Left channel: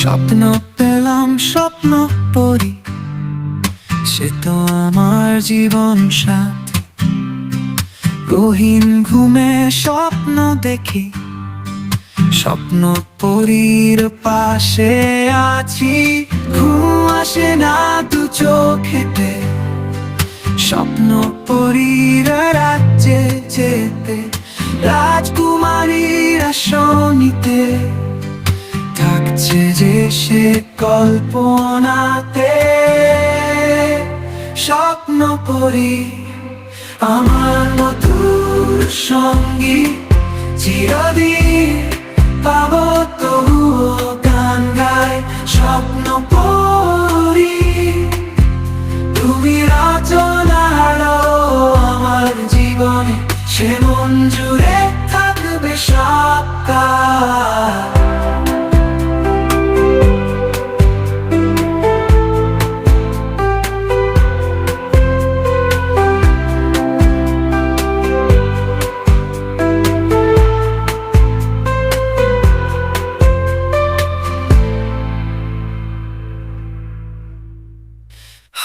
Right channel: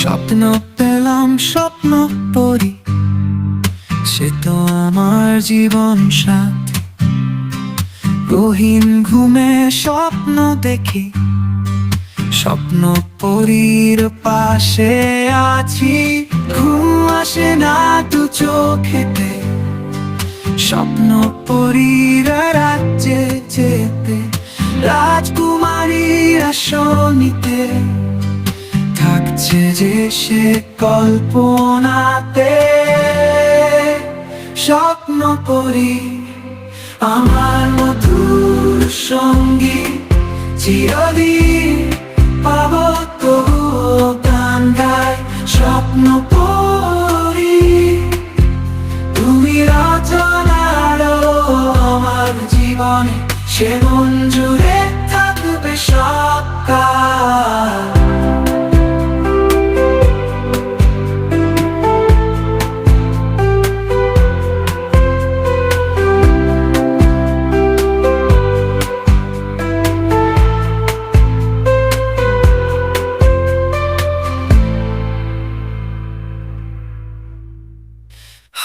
স্বপ্ন পেলাম স্বপ্ন পরি, সে তো আমার জীবন সাথী। গহীন ঘুমে স্বপ্ন দেখি, স্বপ্ন পরীর পাশে আছি। ঘুম আসে না দু চোখেতে, স্বপ্ন পরীর রাজ্যে যেতে। রাজকুমারীরা শোনিতে থাকছে যে সে কল্পনাতে। স্বপ্ন পরী আমার মধুর সঙ্গী, চিরদিন পাবো তবুও গান গায়। স্বপ্ন পরী তুমি রচনার আমার জীবনে, সে মন জুড়ে থাকবে সবকাল।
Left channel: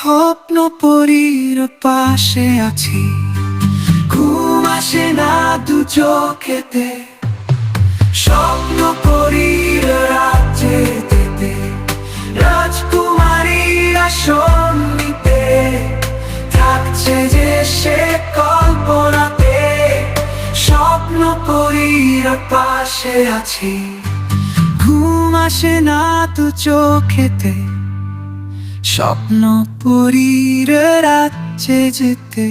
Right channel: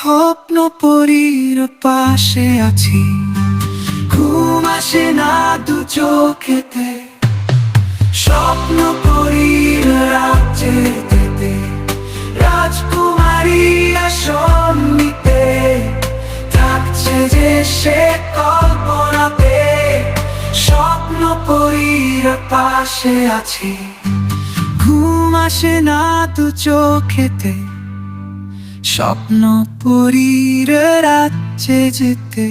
স্বপ্ন পরীর পাশে আছি, ঘুম আসে না দু চোখেতে। স্বপ্ন পরীর রাজ্যে যেতে, রাজকুমারীরা শোনিতে থাকছে যে সে কল্পনাতে। স্বপ্ন পরীর পাশে আছি, ঘুম আসে না দু চোখেতে। স্বপ্ন পরীর রাজ্যে যেতে।